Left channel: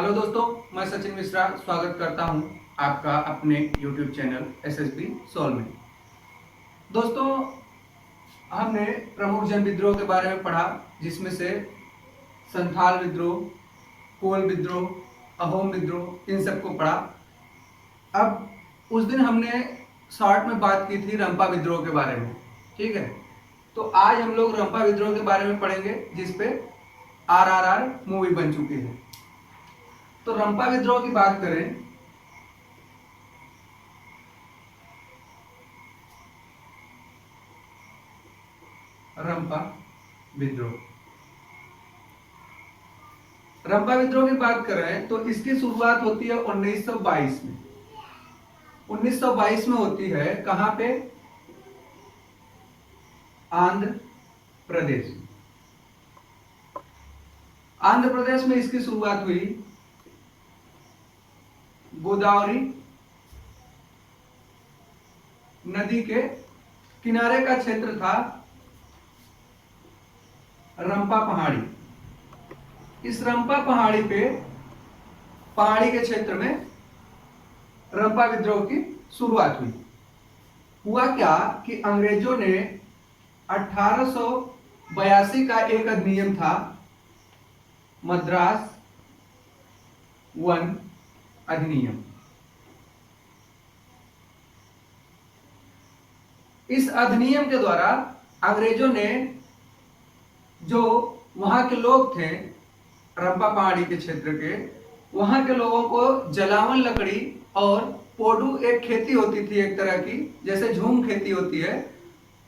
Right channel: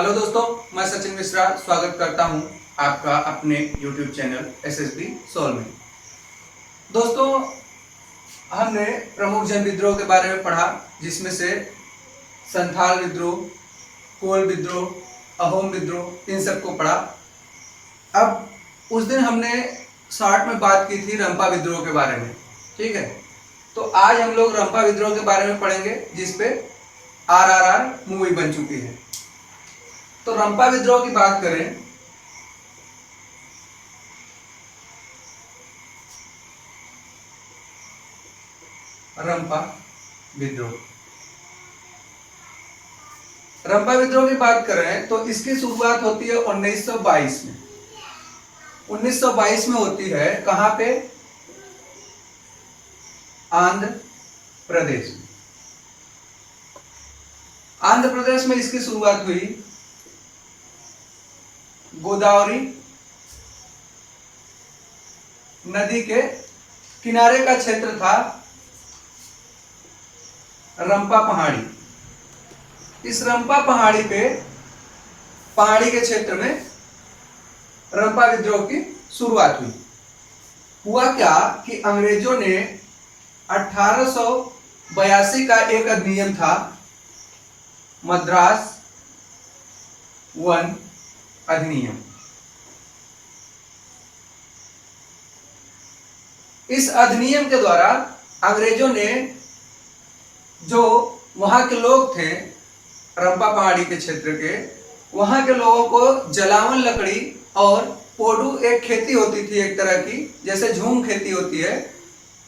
Hello दोस्तों, मैं सचिन मिश्रा स्वागत करता हूं आपका अपने YouTube चैनल SSB सोल में। दोस्तों, हमने प्रमुख जन विद्रोह के बारे में पढ़ा, जिसमें से संथाल विद्रोह, कोल विद्रोह, अहोम विद्रोह, इन सबको पढ़ा। अब उस दिन हमने शॉर्ट में बात की थी रंपा विद्रोह के बारे में, ठीक है। तो आज हम लोग रंपा विद्रोह के बारे में पढ़ेंगे, जिसपे RRR मूवी बन चुकी है। तो रंपा विद्रोह की बात करें, रंपा विद्रोह रंपा विद्रोह की बात करें तो इसकी शुरुआत होती है 1922 में। 1922 में होती है। कहां पे? आंध्र प्रदेश में। आंध्र प्रदेश में इसकी शुरुआत हुई। गोदावरी नदी के किनारे का क्षेत्र था रंपा पहाड़ी। इस रंपा पहाड़ी पे, पहाड़ी के क्षेत्र में रंपा विद्रोह की शुरुआत हुई। हुआ क्या कि अंग्रेजों ने 1882 का एक अधिनियम था, मद्रास वन अधिनियम। इस अधिनियम के द्वारा अंग्रेजों ने जो वहां के लोग थे रंपा पहाड़ी के क्षेत्र के, वहां के लोगों को जलावन लकड़ी और पोडू, एक खेती होती थी एक तरह की, जैसे झूम खेती होती है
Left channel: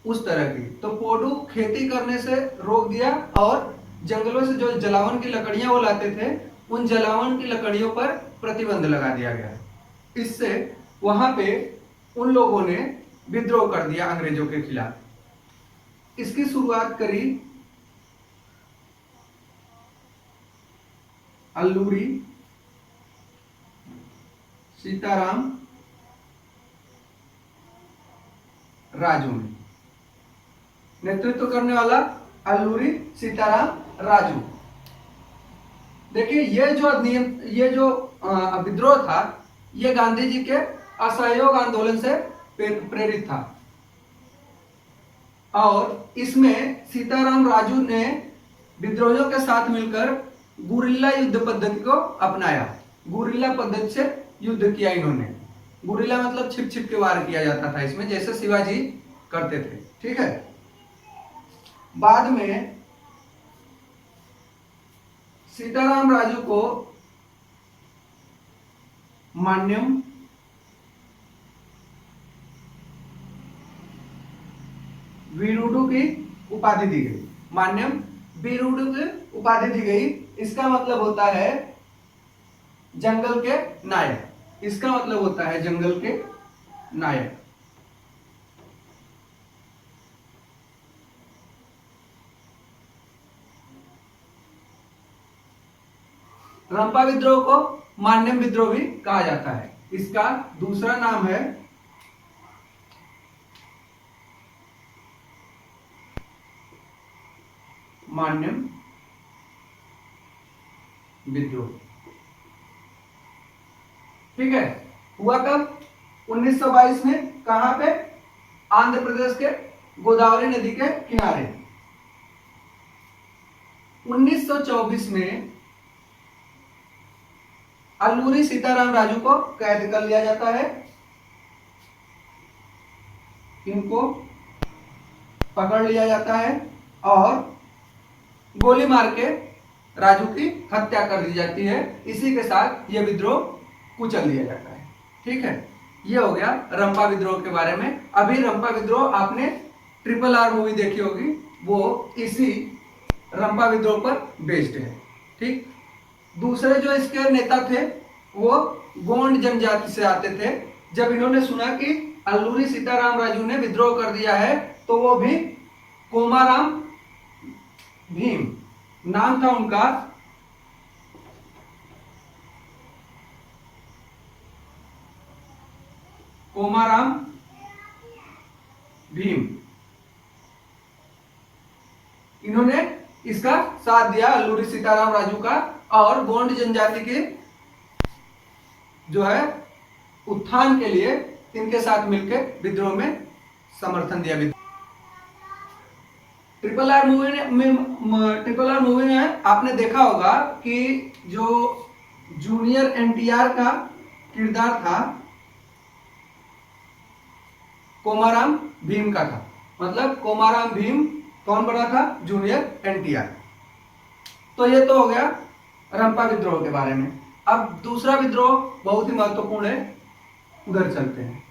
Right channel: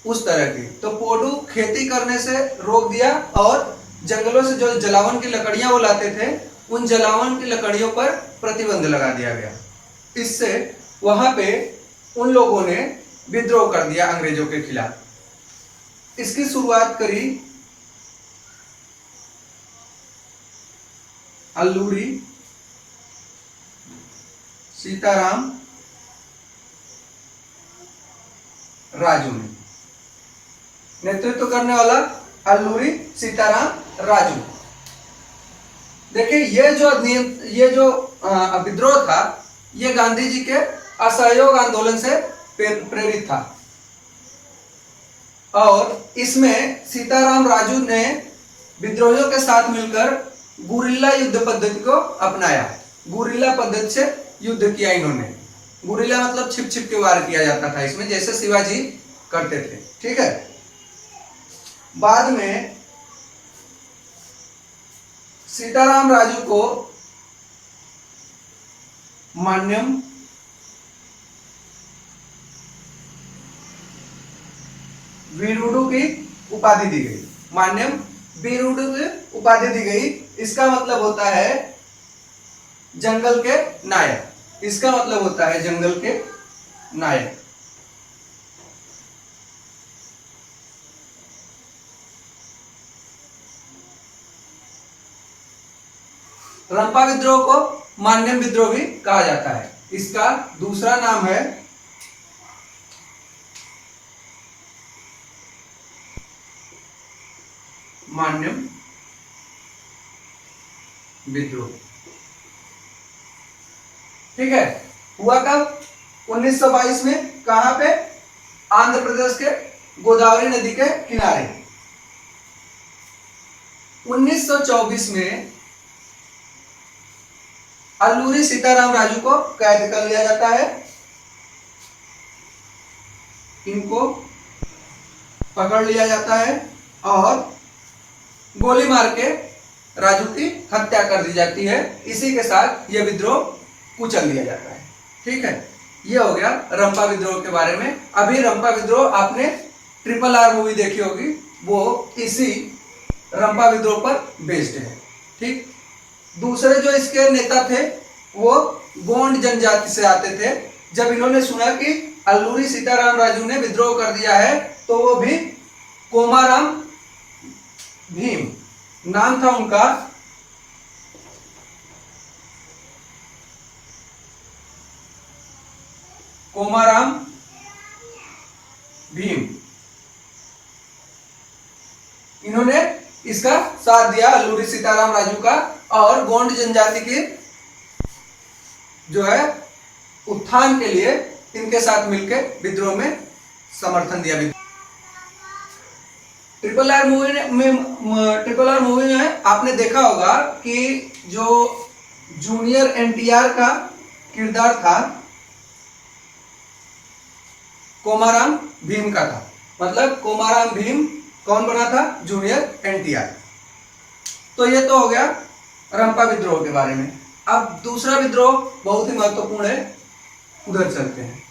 उस तरह की। तो पोडू खेती करने से रोक दिया और जंगलों से जो जलावन की लकड़ियां वो लाते थे, उन जलावन की लकड़ियों पर प्रतिबंध लगा दिया गया। इससे वहां पे उन लोगों ने विद्रोह कर दिया अंग्रेजों के खिलाफ। इसकी शुरुआत करी अल्लूरी सीताराम राजू ने। नेतृत्व करने वाला अल्लूरी सीताराम राजू। देखिए, ये जो विद्रोह था, ये गांधी जी के असहयोग आंदोलन से प्रेरित था। और इसमें सीताराम राजू ने विद्रोहियों के साथ मिलकर गुरिल्ला युद्ध पद्धति को अपनाया। गुरिल्ला पद्धति से युद्ध किया इन्होंने। गुरिल्ला मतलब छिप छिप के वार किया जाता था इसमें, जैसे शिवाजी करते थे, ठीक है। बाद में सीताराम राजू को मान्यम वीरुडु की उपाधि दी गई। मान्यम वीरुडु की उपाधि दी गई। इसका मतलब होता है जंगल के नायक। इसका मतलब होता है जंगल के नायक। रंपा विद्रोह को मान्यम विद्रोह भी कहा जाता है। इसका दूसरा नाम है मान्यम विद्रोह, ठीक है। हुआ कब? 1922 में। कहां पे? आंध्र प्रदेश के गोदावरी नदी के किनारे। 1924 में अल्लूरी सीताराम राजू को कैद कर लिया जाता है। इनको पकड़ लिया जाता है और गोली मार के राजू की हत्या कर दी जाती है। इसी के साथ यह विद्रोह कुचल दिया जाता है, ठीक है। यह हो गया रंपा विद्रोह के बारे में। अभी रंपा विद्रोह आपने RRR मूवी देखी होगी, वो इसी रंपा विद्रोह पर बेस्ड है, ठीक। दूसरे जो इसके नेता थे वो गोंड जनजाति से आते थे। जब इन्होंने सुना कि अल्लूरी सीताराम राजू ने विद्रोह कर दिया है, तो वो भी कोमाराम भीम नाम था उनका। कोमाराम भीम, इन्होंने इसका साथ दिया अल्लूरी सीताराम राजू का, और गोंड जनजाति की जो है उत्थान के लिए इनके साथ मिलकर विद्रोह में समर्थन दिया। ट्रिपल आर मूवी में आपने देखा होगा कि जो जूनियर एनटीआर का किरदार था कोमाराम भीम का था। मतलब कोमाराम भीम कौन बना था? जूनियर एनटीआर। तो ये तो हो गया रंपा विद्रोह के बारे में। अब दूसरा विद्रोह बहुत ही महत्वपूर्ण है, उधर चलते हैं।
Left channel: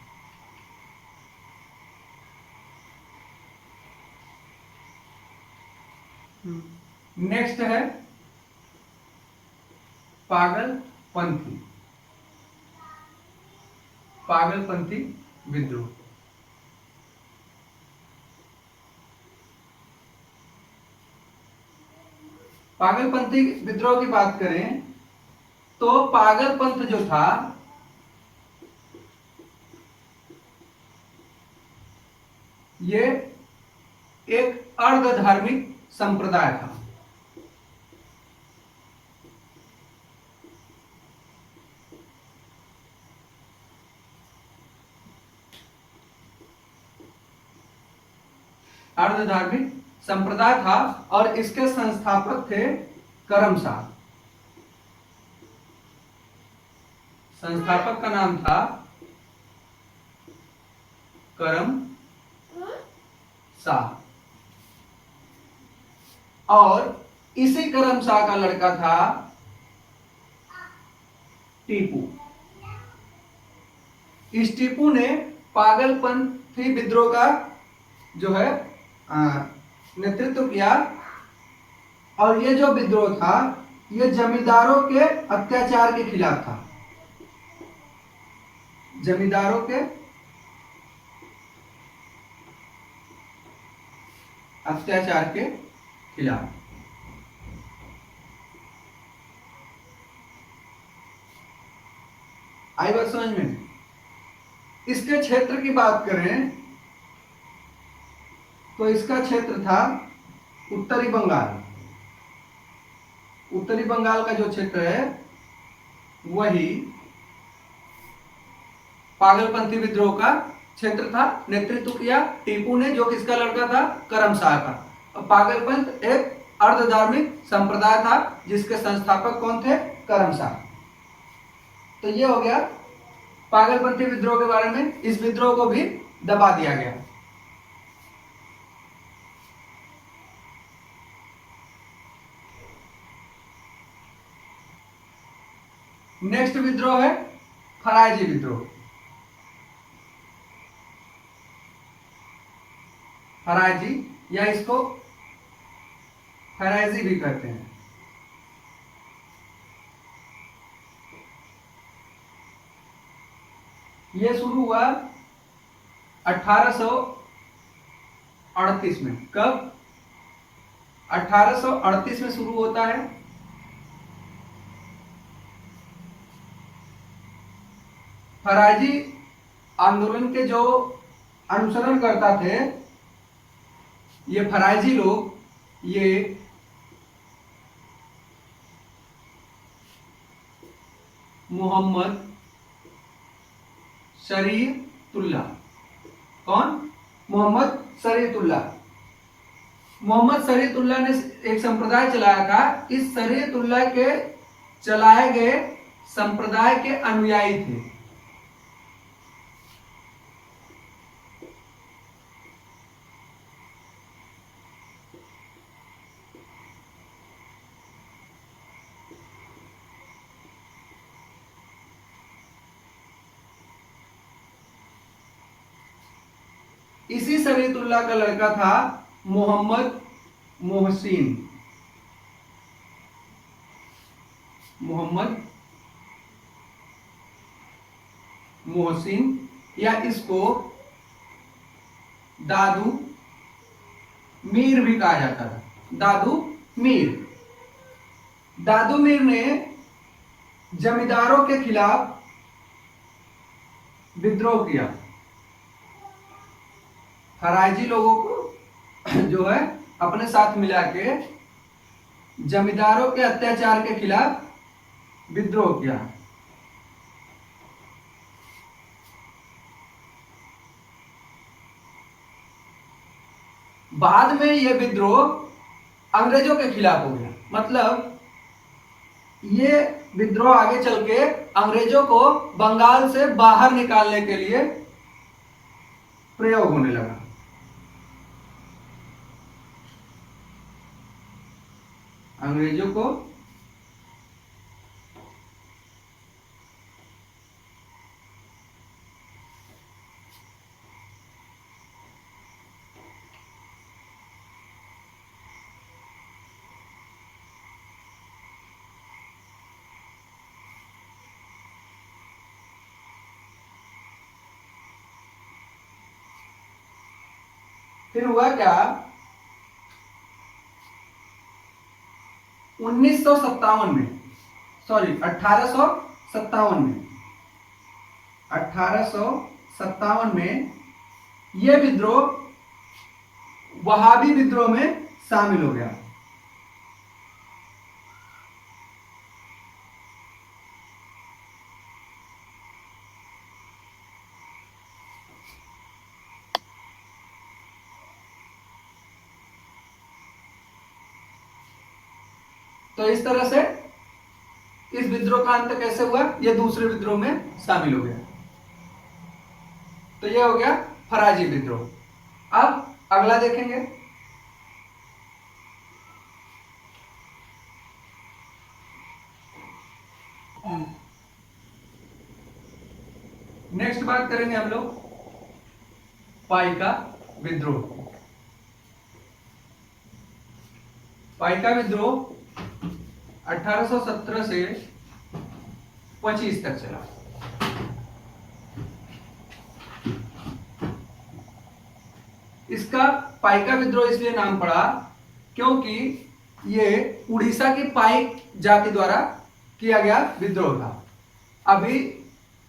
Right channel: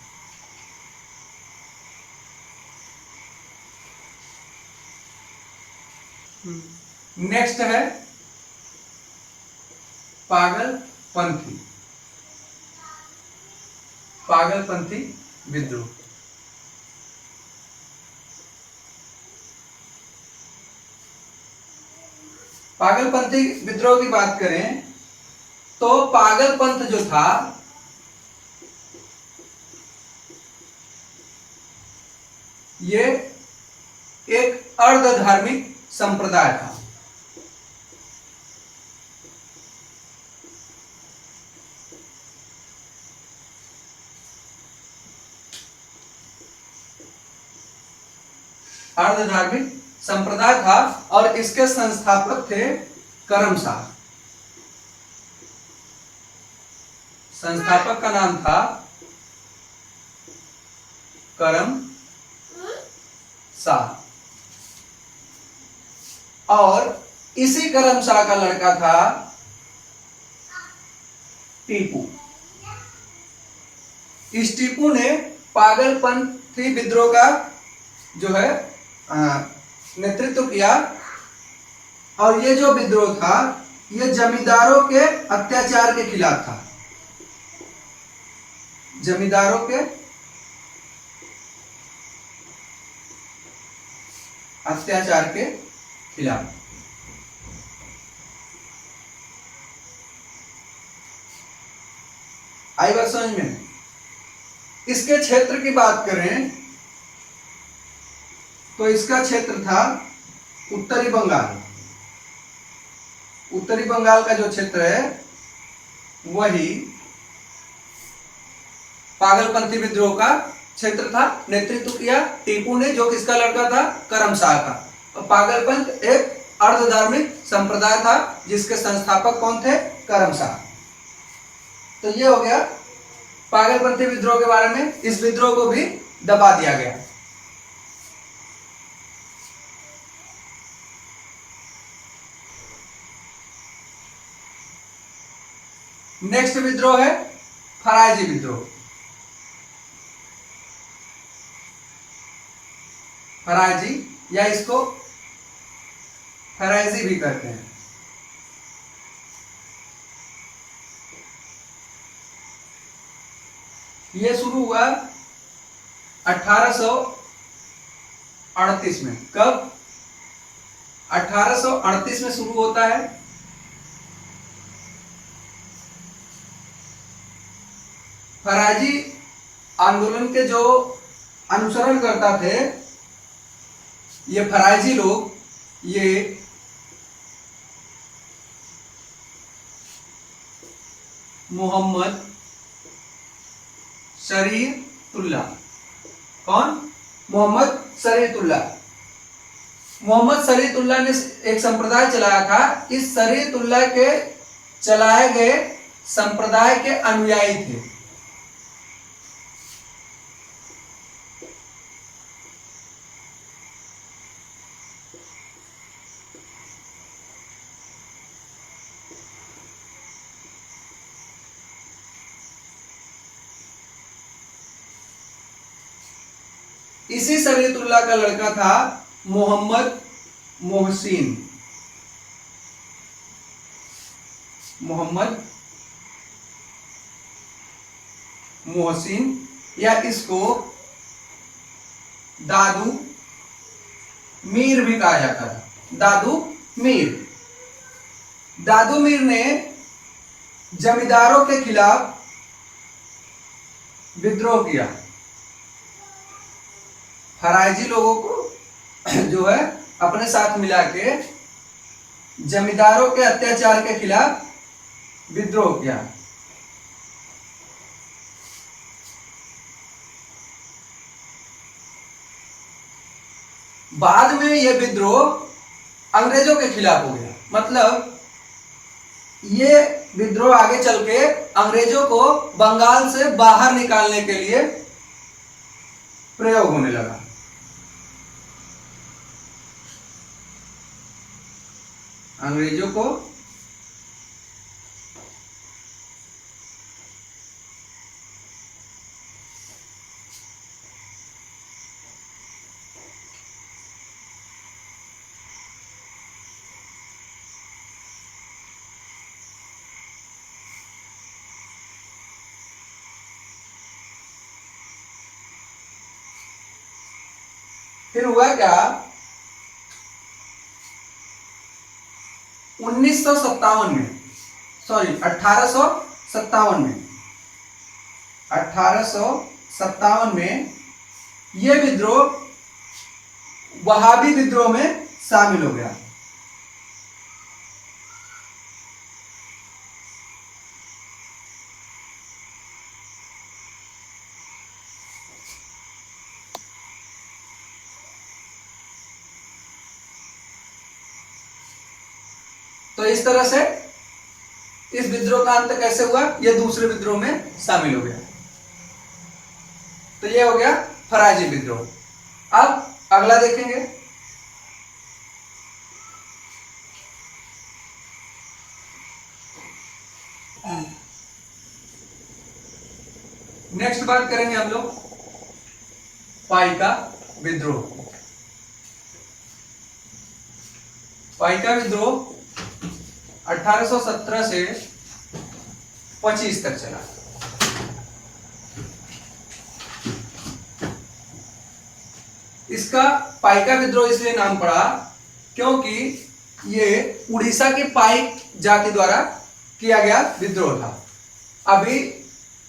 नेक्स्ट है पागलपंथी विद्रोह। पागलपंथी विद्रोह की बात करें तो पागलपंथ जो था ये एक अर्ध धार्मिक संप्रदाय था। अर्ध धार्मिक संप्रदाय था और इसके संस्थापक थे करमशाह। संस्थापक का नाम था करमशाह और इसी करमशाह का लड़का था टीपू। इस टीपू ने पागलपंथी विद्रोह का जो है नेतृत्व किया और ये जो विद्रोह था ये जमींदारों के अत्याचार के खिलाफ था। जमींदारों के अत्याचार के खिलाफ। आई बात समझ में? इसके क्षेत्र की बात करें तो इसका क्षेत्र था उत्तरी बंगाल। उत्तरी बंगाल का जो क्षेत्र है वही पागलपंथी विद्रोह का क्षेत्र था। नेतृत्व किया टीपू ने, जो किसका लड़का था? करमशाह का। पागलपंथ एक अर्ध धार्मिक संप्रदाय था जिसके संस्थापक कौन थे? करमशाह। तो ये हो गया पागलपंथी विद्रोह के बारे में। इस विद्रोह को भी दबा दिया गया। नेक्स्ट विद्रोह है फरायजी विद्रोह। फरायजी या इसको फरायजी भी कहते हैं। यह शुरू हुआ 1838 में। कब? 1838 में शुरू होता है। फरायजी आंदोलन के जो अनुसरण करता थे ये फरायजी लोग, ये मोहम्मद शरीयतुल्लाह। कौन? मोहम्मद शरीयतुल्लाह। मोहम्मद शरीयतुल्लाह ने एक संप्रदाय चलाया था। इस शरीयतुल्लाह के चलाए गए संप्रदाय के अनुयायी थे। इसी शरीयतुल्लाह का लड़का था मोहम्मद मोहसिन। मोहम्मद मोहसिन या इसको दादू मीर भी कहा जाता था। दादू मीर। दादू मीर ने जमींदारों के खिलाफ विद्रोह किया। फरायजी लोगों को जो है अपने साथ मिला के जमींदारों के अत्याचार के खिलाफ विद्रोह किया। बाद में यह विद्रोह अंग्रेजों के खिलाफ हो गया। मतलब ये विद्रोह आगे चल के अंग्रेजों को बंगाल से बाहर निकालने के लिए प्रयोग होने लगा। अंग्रेजों को फिर हुआ क्या, 1957 में, सॉरी 1857 में यह विद्रोह वहाबी विद्रोह में शामिल हो गया। तो इस तरह से इस विद्रोह का अंत कैसे हुआ, यह दूसरे विद्रोह में शामिल हो गया। तो यह हो गया फराजी विद्रोह। अब अगला देखेंगे। नेक्स्ट बात करेंगे हम लोग पाइका विद्रोह। पाइका विद्रोह 1817 से 25 तक चला। इसका पाइका विद्रोह इसलिए नाम पड़ा क्योंकि ये उड़ीसा की पाइक जाति द्वारा किया गया विद्रोह था। अभी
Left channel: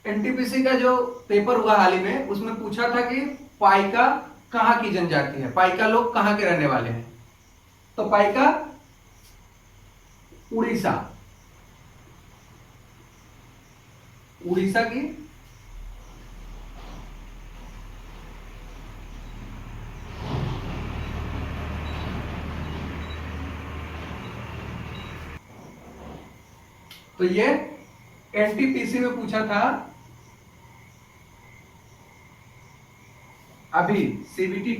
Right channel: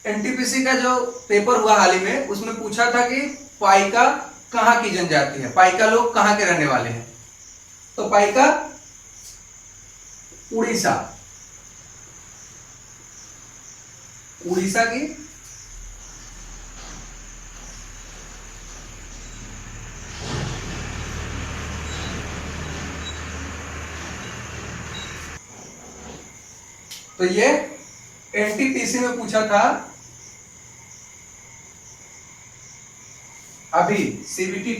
एनटीपीसी का जो पेपर हुआ हाल ही में, उसमें पूछा था कि पाइका कहाँ की जनजाति है, पाइका लोग कहाँ के रहने वाले हैं। तो पाइका उड़ीसा की तो ये एनटीपीसी में पूछा था। अभी सीबीटी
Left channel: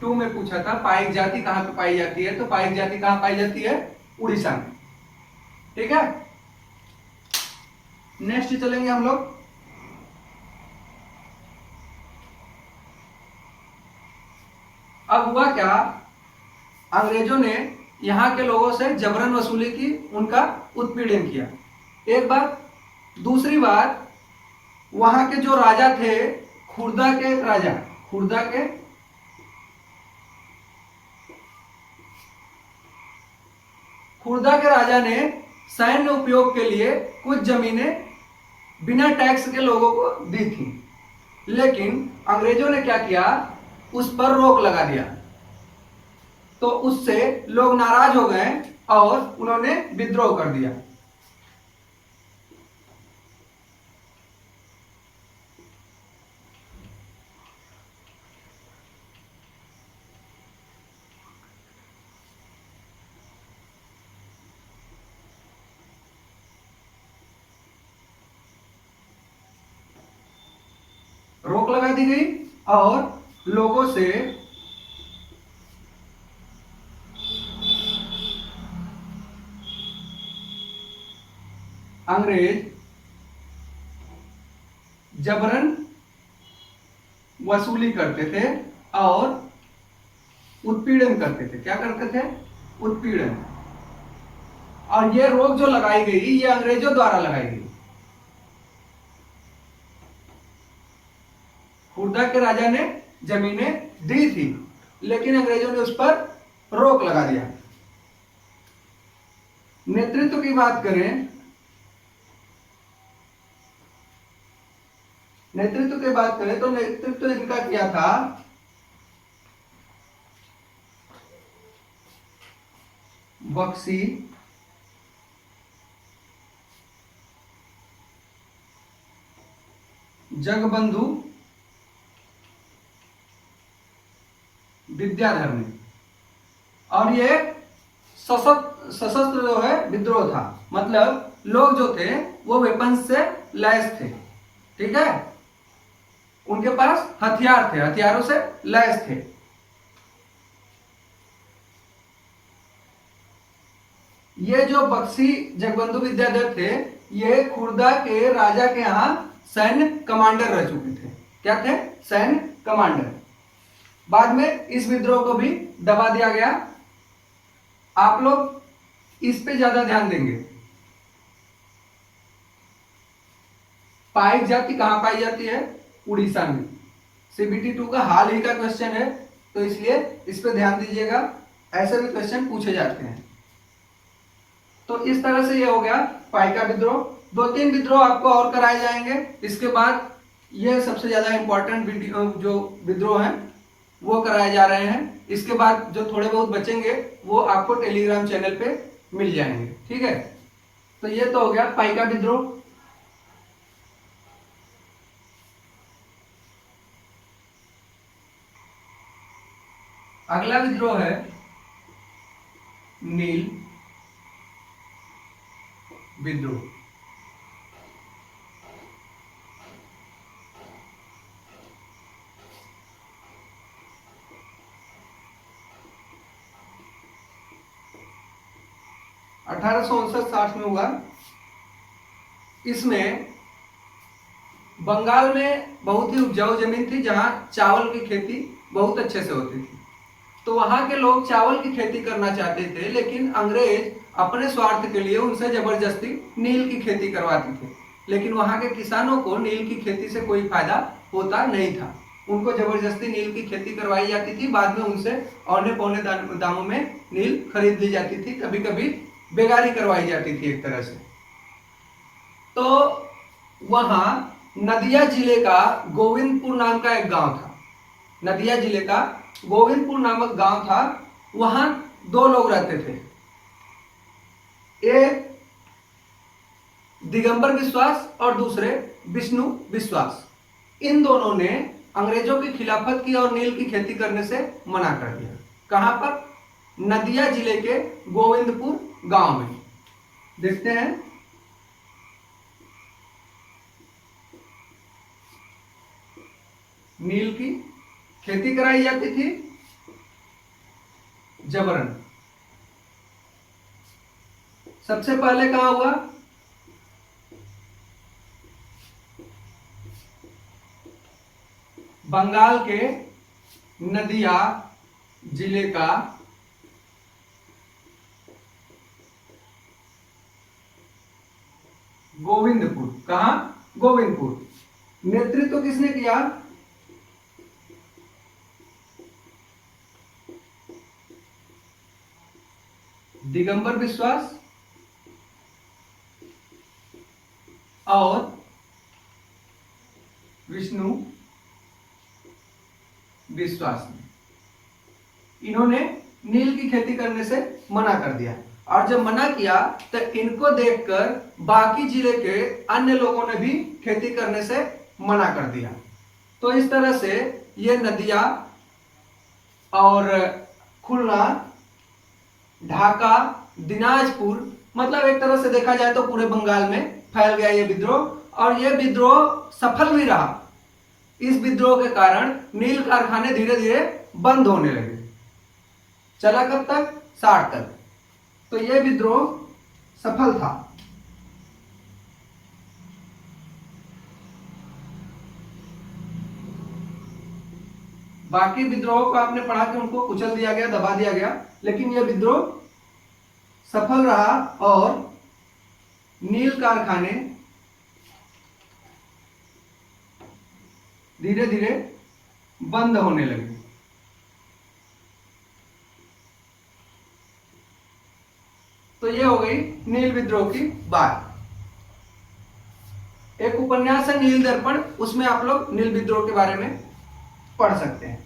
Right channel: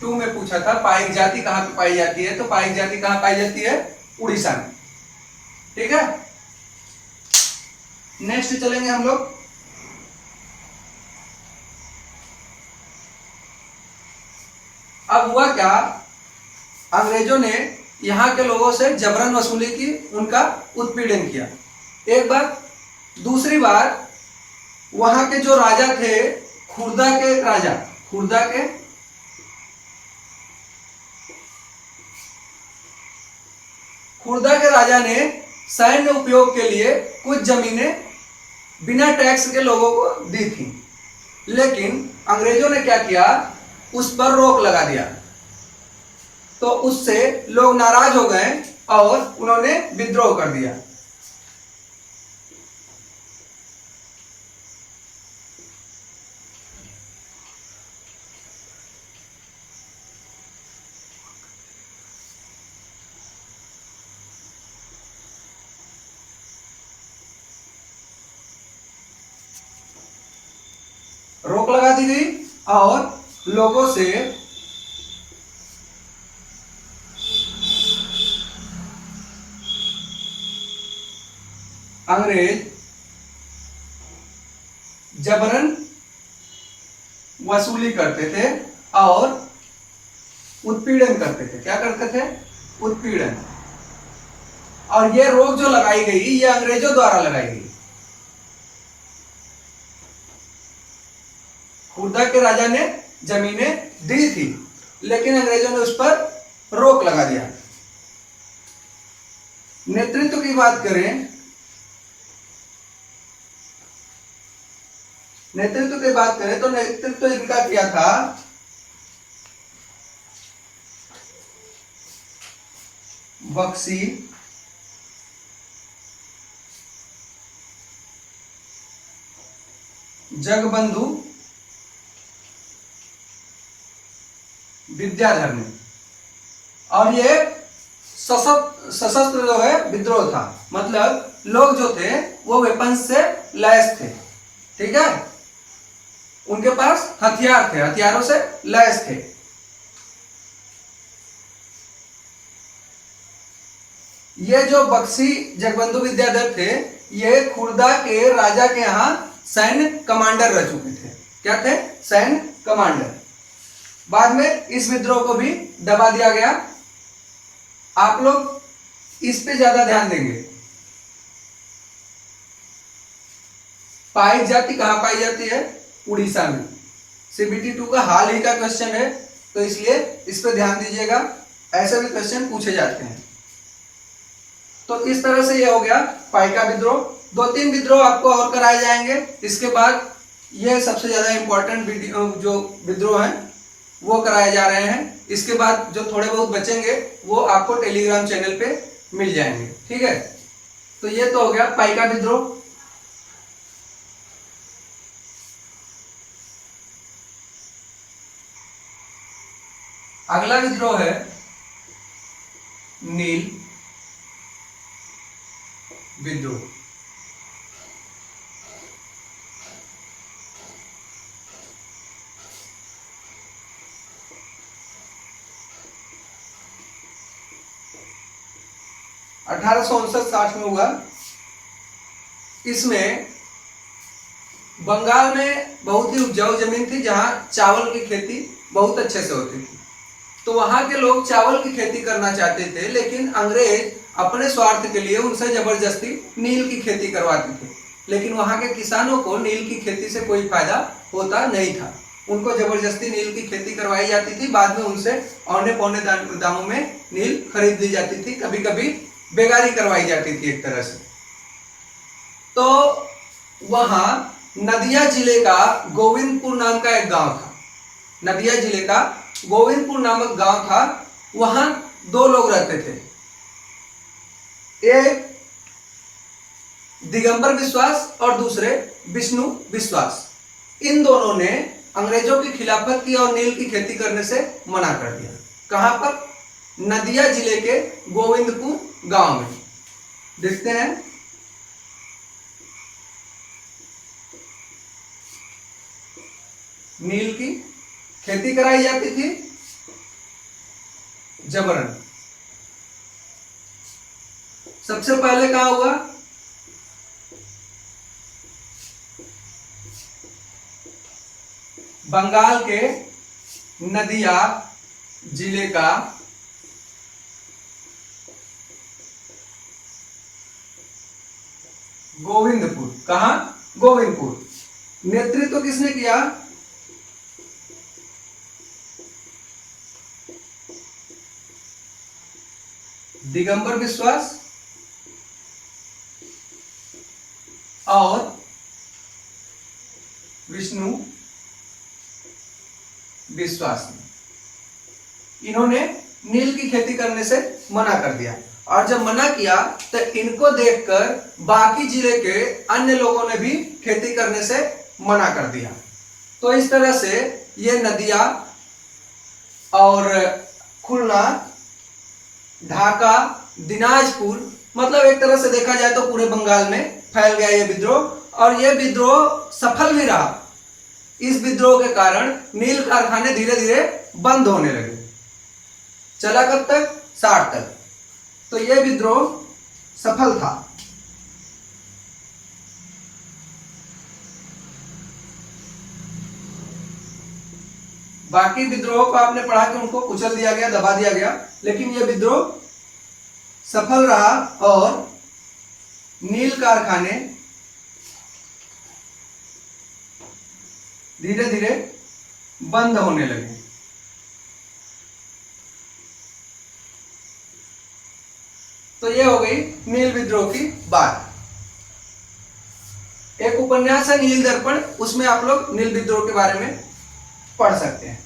2 में पूछा था पाइक जाति कहां पे पाई जाती है। तो पाइक जाति कहां पाई जाती है, उड़ीसा में। ठीक है, नेक्स्ट चलेंगे हम लोग। अब हुआ क्या, अंग्रेजों ने यहां के लोगों से जबरन वसूली की, उनका उत्पीड़न किया। एक बात, दूसरी बात, वहां के जो राजा थे, खुर्दा के राजा ने सैन्य उपयोग के लिए कुछ जमीनें बिना टैक्स के लोगों को दी थी। लेकिन अंग्रेजों ने क्या किया, उस पर रोक लगा दिया। तो उससे लोग नाराज हो गए और उन्होंने विद्रोह कर दिया। रोक लगा दी गई और लोगों से अंग्रेज जबरन वसूली करते थे और उत्पीड़न करते थे। क्या करते थे, उत्पीड़न। और यह रोक जो लगाई गई, यह अंग्रेजों द्वारा लगाई गई। खुर्दा के राजा ने जमीनें दी थी, लेकिन अंग्रेजों ने उस पर रोक लगा दिया। नेतृत्व की बात करें, तो नेतृत्व इनका किया था बख्शी, जगबंधु विद्याधर ने। और ये सशस्त्र जो है विद्रोह था, मतलब लोग जो थे वो वेपन्स से लैस थे, ठीक है, उनके पास हथियार थे, हथियारों से लैस थे। ये जो बख्शी जगबंधु विद्याधर थे, ये खुर्दा के राजा के यहां सैन्य कमांडर रह चुके थे। क्या थे? सैन्य कमांडर। बाद में इस विद्रोह को भी दबा दिया गया। आप लोग इस पे ज्यादा ध्यान देंगे। पाइक जाति कहां पाई जाती है? उड़ीसा में। CBT 2 का हाल ही का क्वेश्चन है, तो इसलिए इस पे ध्यान दीजिएगा, ऐसे भी क्वेश्चन पूछे जाते हैं। तो इस तरह से ये हो गया पाइका विद्रोह। 2-3 विद्रोह आपको और कराए जाएंगे। इसके बाद ये सबसे ज्यादा इंपॉर्टेंट जो विद्रोह है वो कराए जा रहे हैं। इसके बाद जो थोड़े बहुत बचेंगे वो आपको टेलीग्राम चैनल पे मिल जाएंगे, ठीक है। तो ये तो हो गया पाइका विद्रोह। अगला विद्रोह है नील विद्रोह। अठारह सौ 59-60 में हुआ। इसमें बंगाल में बहुत ही उपजाऊ जमीन थी जहां चावल की खेती बहुत अच्छे से होती थी। तो वहां के लोग चावल की खेती करना चाहते थे, लेकिन अंग्रेज अपने स्वार्थ के लिए उनसे जबरदस्ती नील की खेती करवाते थे। लेकिन वहां के किसानों को नील की खेती से कोई फायदा होता नहीं था। उनको जबरदस्ती नील की खेती करवाई जाती थी। बाद में उनसे औने पौने दामों में नील खरीद ली जाती थी, कभी कभी बेगारी करवाई जाती थी एक तरह से। तो वहां नदिया जिले का गोविंदपुर नाम का एक गांव था। नदिया जिले का गोविंदपुर नामक गांव था। वहां 2 लोग रहते थे, एक दिगंबर विश्वास और दूसरे विष्णु विश्वास। इन दोनों ने अंग्रेजों की खिलाफत की और नील की खेती करने से मना कर दिया। कहां पर? नदिया जिले के गोविंदपुर गांव में। देखते हैं। नील की खेती कराई जाती थी जबरन। सबसे पहले कहां हुआ? बंगाल के नदिया जिले का गोविंदपुर। कहां? गोविंदपुर। नेतृत्व किसने किया? दिगंबर विश्वास और विष्णु विश्वास ने। इन्होंने नील की खेती करने से मना कर दिया, और जब मना किया तो इनको देखकर बाकी जिले के अन्य लोगों ने भी खेती करने से मना कर दिया। तो इस तरह से ये नदिया और खुलना, ढाका, दिनाजपुर, मतलब एक तरह से देखा जाए तो पूरे बंगाल में फैल गया ये विद्रोह। और यह विद्रोह सफल भी रहा। इस विद्रोह के कारण नील कारखाने धीरे धीरे बंद होने लगे। चला कब तक? 60 तक। तो यह विद्रोह सफल था। बाकी विद्रोहों को आपने पढ़ा कि उनको कुचल दिया गया, दबा दिया गया, लेकिन यह विद्रोह सफल रहा और नील कारखाने धीरे धीरे बंद होने लगे। तो यह हो गई नील विद्रोह की बात। एक उपन्यास है नील दर्पण, उसमें आप लोग नील विद्रोह के बारे में पढ़ सकते हैं।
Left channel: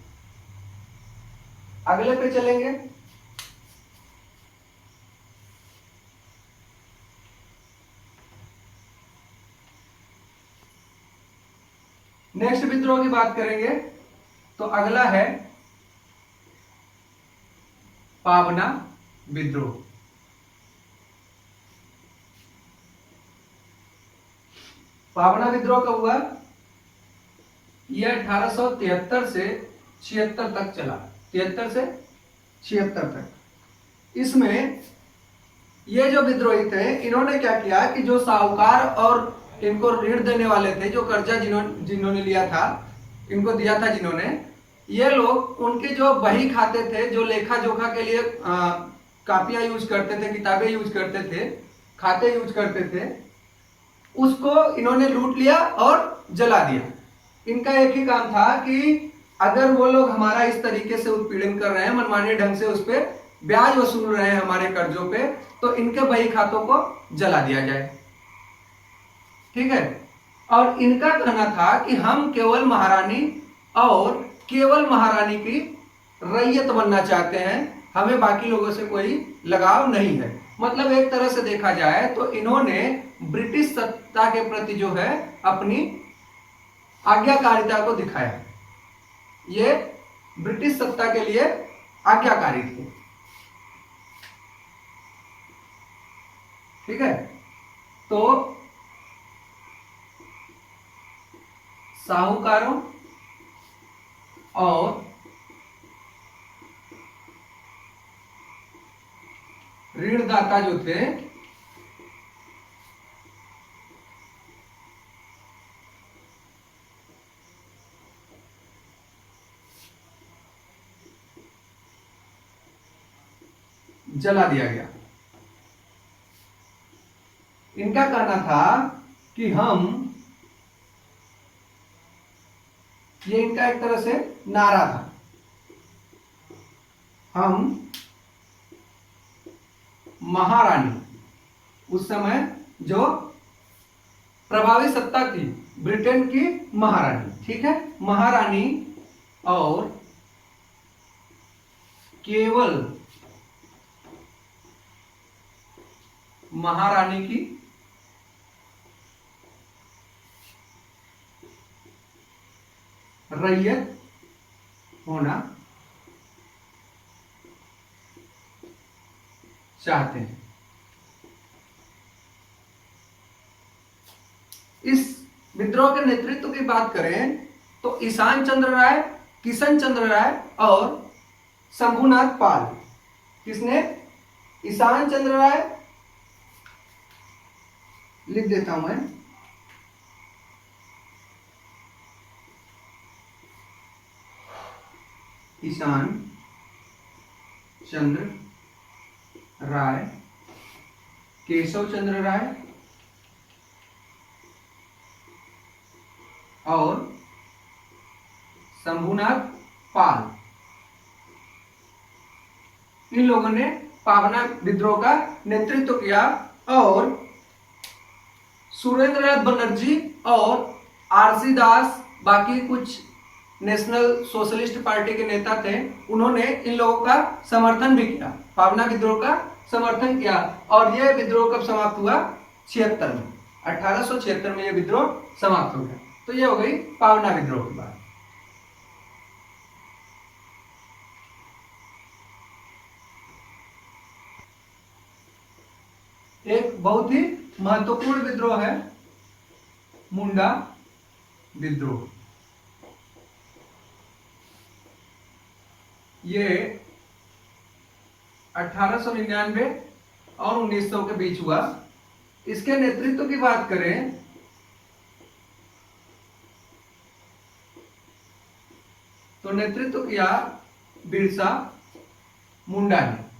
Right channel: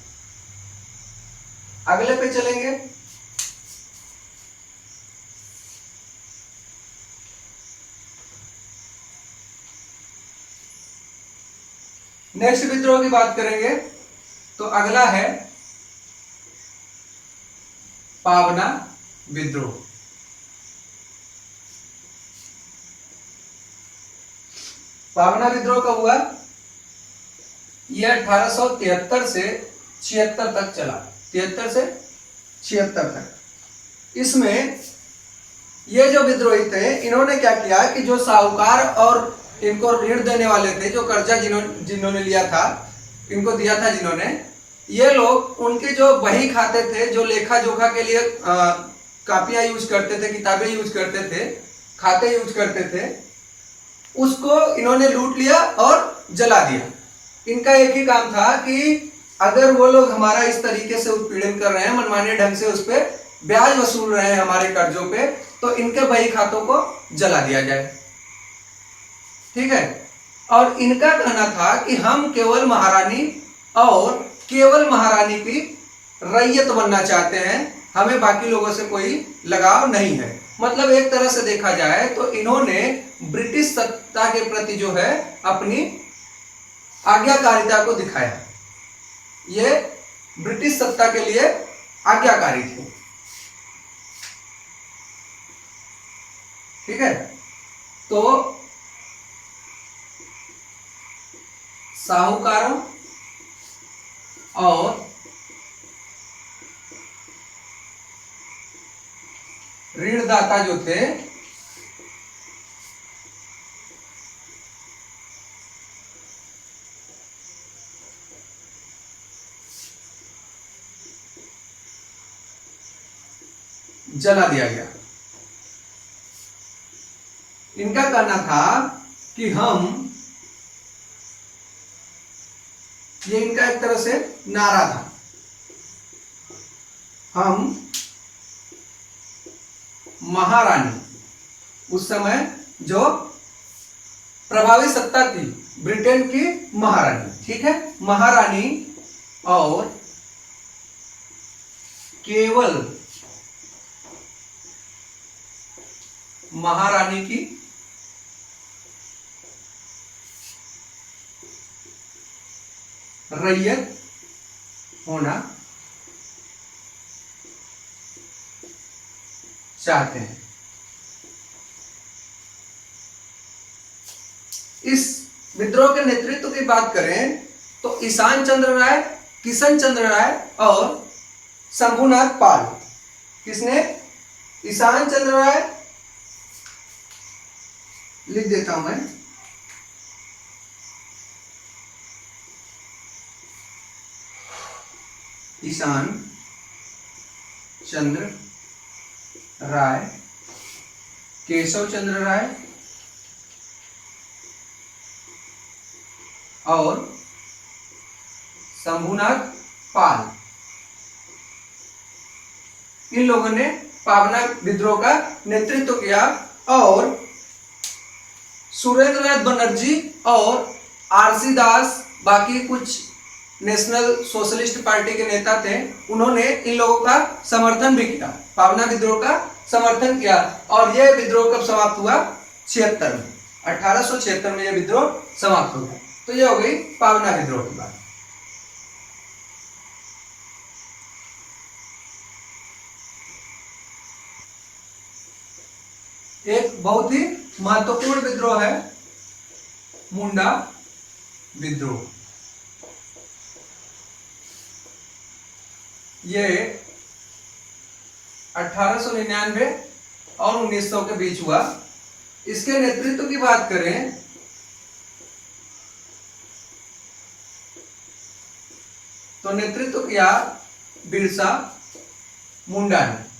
अगले पे चलेंगे। नेक्स्ट विद्रोह की बात करेंगे तो अगला है पावना विद्रोह। पावना विद्रोह कब हुआ? यह 1873 से 76 तक चला। 73 से 76 तक। इसमें ये जो विद्रोही थे, इन्होंने क्या किया कि जो साहूकार और इनको ऋण देने वाले थे, जो कर्जा जिन्होंने लिया था, इनको दिया था जिन्होंने, ये लोग उनके जो बही खाते थे, जो लेखा जोखा के लिए कापियां यूज करते थे, किताबें यूज करते थे, खाते यूज करते थे, उसको इन्होंने लूट लिया और जला दिया। इनका एक ही काम था कि अगर वो लोग हमारा इस तरीके से उत्पीड़न कर रहे हैं, मनमाने ढंग से उस पर ब्याज वसूल रहे हैं हमारे कर्जों पे, तो इनके बही खातों को जला दिया जाए। ठीक है। और इनका कहना था कि हम केवल महारानी और केवल महारानी की रैयत बनना चाहते हैं, हमें बाकी लोगों से कोई लगाव नहीं है। मतलब एक तरह से देखा जाए तो इन्होंने ब्रिटिश सत्ता के प्रति जो है अपनी आज्ञाकारिता को दिखाया। ये ब्रिटिश सत्ता के लिए आज्ञाकारी थे। ठीक है। तो साहूकारों और ऋणदाता जो थे, जला दिया गया। इनका कहना था कि ये इनका एक तरह से नारा था, हम महारानी, उस समय जो प्रभावी सत्ता थी ब्रिटेन की महारानी, ठीक है, महारानी और केवल महारानी की रैयत होना चाहते हैं। इस विद्रोह के नेतृत्व की बात करें तो ईशान चंद्र राय, किशन चंद्र राय और शंभुनाथ पाल। किसने? ईशान चंद्र राय, लिख देता हूं मैं, ईशान चंद्र राय, केशव चंद्र राय और शंभुनाथ पाल। इन लोगों ने पावना विद्रोह का नेतृत्व किया और सुरेंद्रनाथ बनर्जी और आरसी दास, बाकी कुछ नेशनल सोशलिस्ट पार्टी के नेता थे, उन्होंने इन लोगों का समर्थन भी किया, पावना विद्रोह का समर्थन किया। और यह विद्रोह कब समाप्त हुआ? 76 में, 1876 में यह विद्रोह समाप्त हो गया। तो यह हो गई पावना विद्रोह की बात। एक बहुत ही महत्वपूर्ण विद्रोह है मुंडा विद्रोह। ये 1899 और 1900 के बीच हुआ। इसके नेतृत्व की बात करें तो नेतृत्व किया बिरसा मुंडा ने।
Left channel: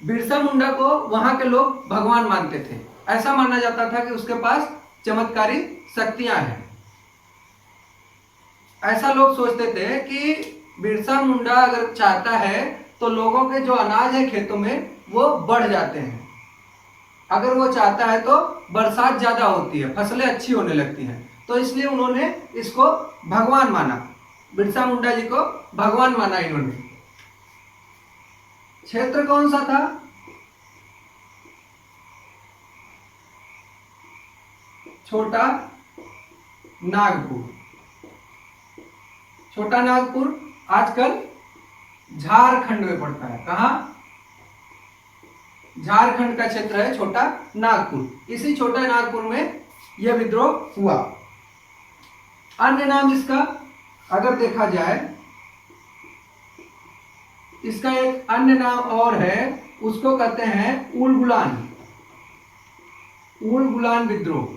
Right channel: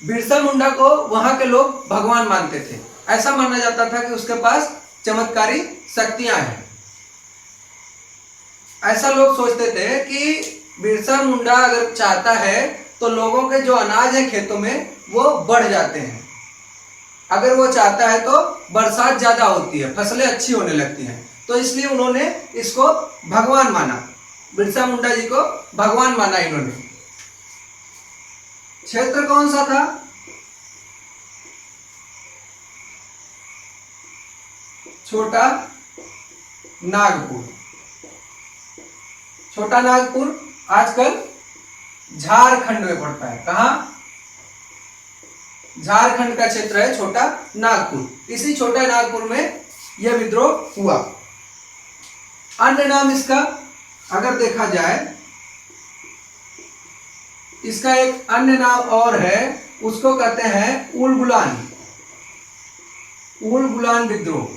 बिरसा मुंडा को वहां के लोग भगवान मानते थे। ऐसा माना जाता था कि उसके पास चमत्कारी शक्तियां हैं। ऐसा लोग सोचते थे कि बिरसा मुंडा अगर चाहता है तो लोगों के जो अनाज है खेतों में वो बढ़ जाते हैं। अगर वो चाहता है तो बरसात ज्यादा होती है, फसलें अच्छी होने लगती हैं। तो इसलिए उन्होंने इसको भगवान माना, बिरसा मुंडा जी को भगवान माना इन्होंने। क्षेत्र कौन सा था? छोटा नागपुर। छोटा नागपुर आजकल झारखंड में पड़ता है। कहां? झारखंड का क्षेत्र है छोटा नागपुर। इसी छोटा नागपुर में यह विद्रोह हुआ। अन्य नाम इसका अगर देखा जाए, इसका एक अन्य नाम और है, उसको कहते हैं उलगुलान। उलगुलान विद्रोह।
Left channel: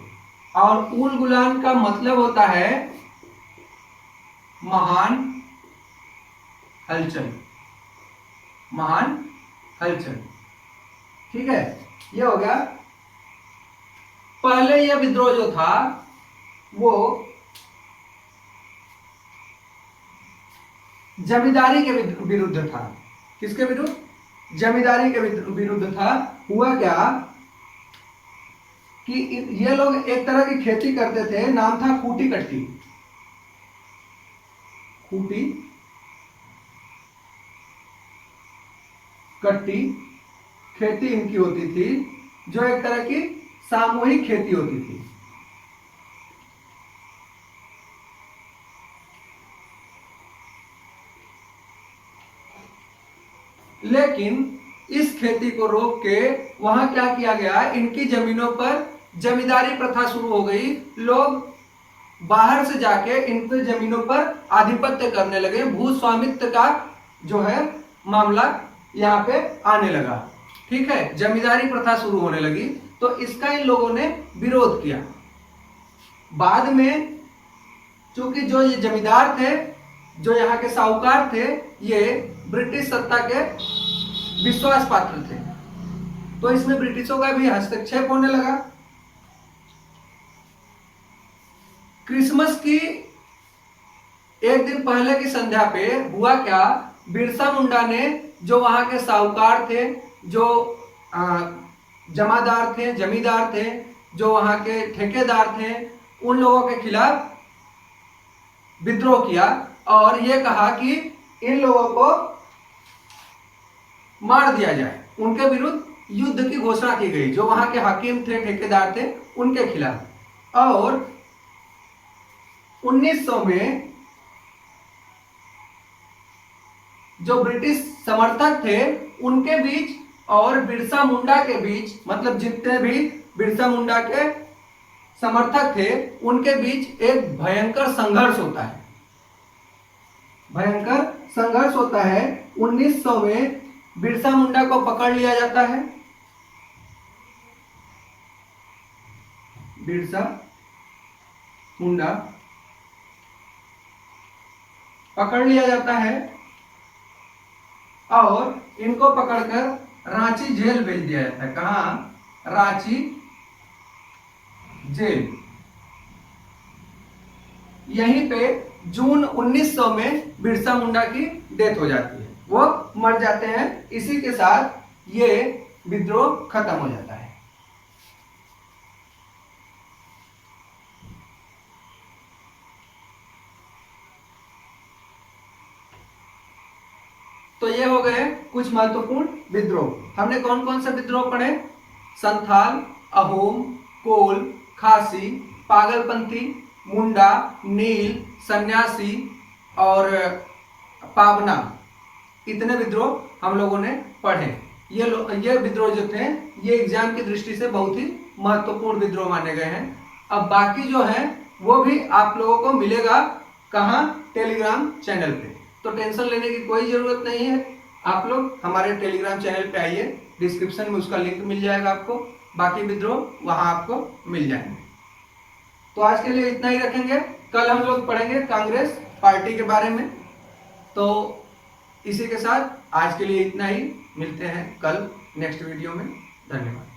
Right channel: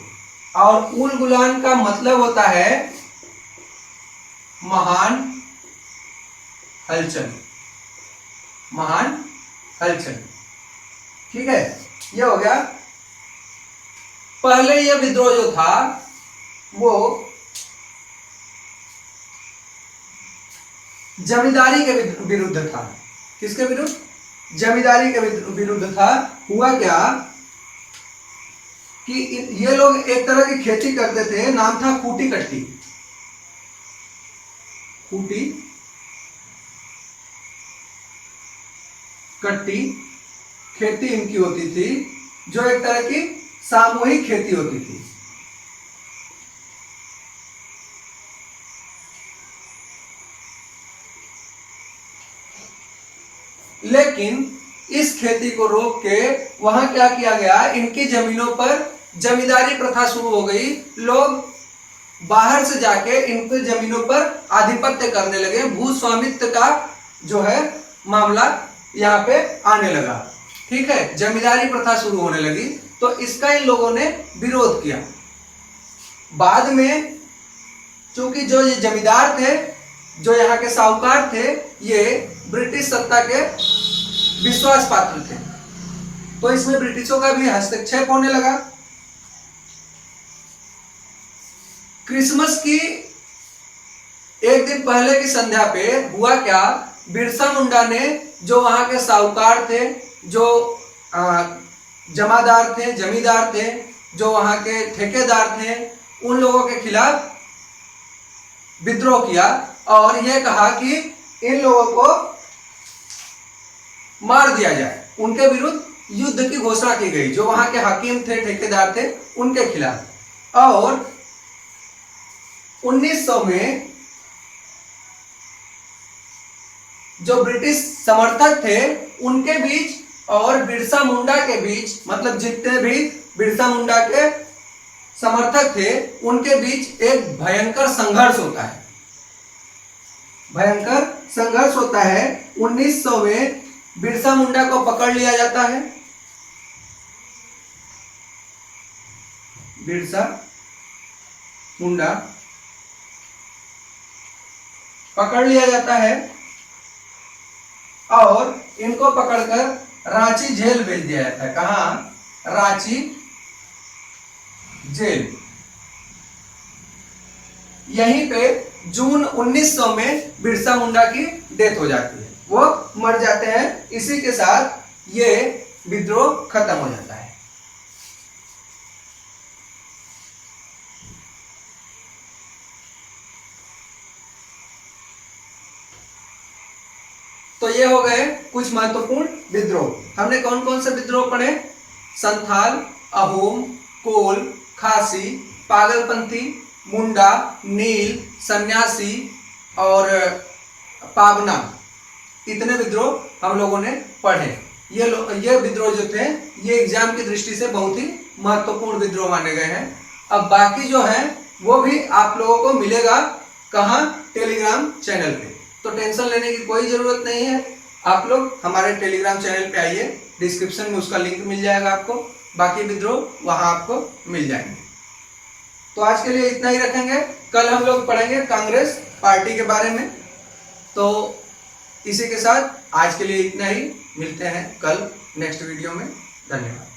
और उलगुलान का मतलब होता है महान हलचल। महान हलचल। ठीक है, यह हो गया। पहले यह विद्रोह जो था वो जमींदारी के विरुद्ध था। किसके विरुद्ध? जमींदारी के विरुद्ध था। हुआ क्या कि ये लोग एक तरह की खेती करते थे, नाम था खूटी कट्टी। खूटी कट्टी खेती इनकी होती थी, जो एक तरह की सामूहिक खेती होती थी। लेकिन इस खेती को रोक के वहां क्या किया गया, इनकी जमीनों पर जमींदारी प्रथा शुरू हो गई। लोग बाहर से जाके इनके जमीनों पर आधिपत्य करने लगे। भू स्वामित्व का जो है मामला यहाँ पे आने लगा। ठीक है, जमींदारी प्रथा शुरू होने लगी, तो इसका इन लोगों ने विरोध किया। बाद में चूंकि जो ये जमींदार थे, जो यहाँ के साहूकार थे, ये ब्रिटिश सत्ता के विश्वास पात्र थे, तो इसमें ब्रिटिशों का भी हस्तक्षेप होने लगा। क्रिसमस की एक दिन पहले की संध्या पे हुआ क्या, बिरसा मुंडा ने, जो वहां के साहूकार थे, जो जमादार थे, जमींदार थे, जो वहां के ठेकेदार थे, उन लोगों के खिलाफ विद्रोह किया और यह कहा कि इन लोगों को मार दिया जाए। उनके विरुद्ध युद्ध की घोषणा की गई, जो वहां के हाकिम थे, ठेकेदार थे, उनके खिलाफ। और 1900 में जो ब्रिटिश समर्थक थे उनके बीच और बिरसा मुंडा के बीच, मतलब जितने भी बिरसा मुंडा के समर्थक थे उनके बीच एक भयंकर संघर्ष होता है। भयंकर संघर्ष होता है। 1900 में बिरसा मुंडा को पकड़ लिया जाता है। बिरसा मुंडा पकड़ लिया जाता है और इनको पकड़कर रांची जेल भेज दिया जाता है। कहां? रांची जेल। यहीं पे जून 1900 में बिरसा मुंडा की डेथ हो जाती है, वो मर जाते हैं। इसी के साथ ये विद्रोह खत्म हो जाता है। तो ये हो गए कुछ महत्वपूर्ण विद्रोह। हमने कौन कौन से विद्रोह पढ़े? संथाल, अहोम, कोल, खासी, पागलपंथी, मुंडा, नील, सन्यासी और पावना। इतने विद्रोह हम लोगों ने पढ़े। ये विद्रोह जो थे ये एग्जाम की दृष्टि से बहुत ही महत्वपूर्ण विद्रोह माने गए हैं। अब बाकी जो है वो भी आप लोगों को मिलेगा। कहाँ? टेलीग्राम चैनल पे। तो टेंशन लेने की कोई जरूरत नहीं है। आप लोग हमारे टेलीग्राम चैनल पे आइए, डिस्क्रिप्शन में उसका लिंक मिल जाएगा आपको। बाकी विद्रोह वहां आपको मिल जाएंगे। तो आज के लिए इतना ही रखेंगे। कल हम लोग पढ़ेंगे कांग्रेस पार्टी के बारे में। तो इसी के साथ आज के लिए इतना ही। मिलते हैं कल नेक्स्ट वीडियो में। धन्यवाद।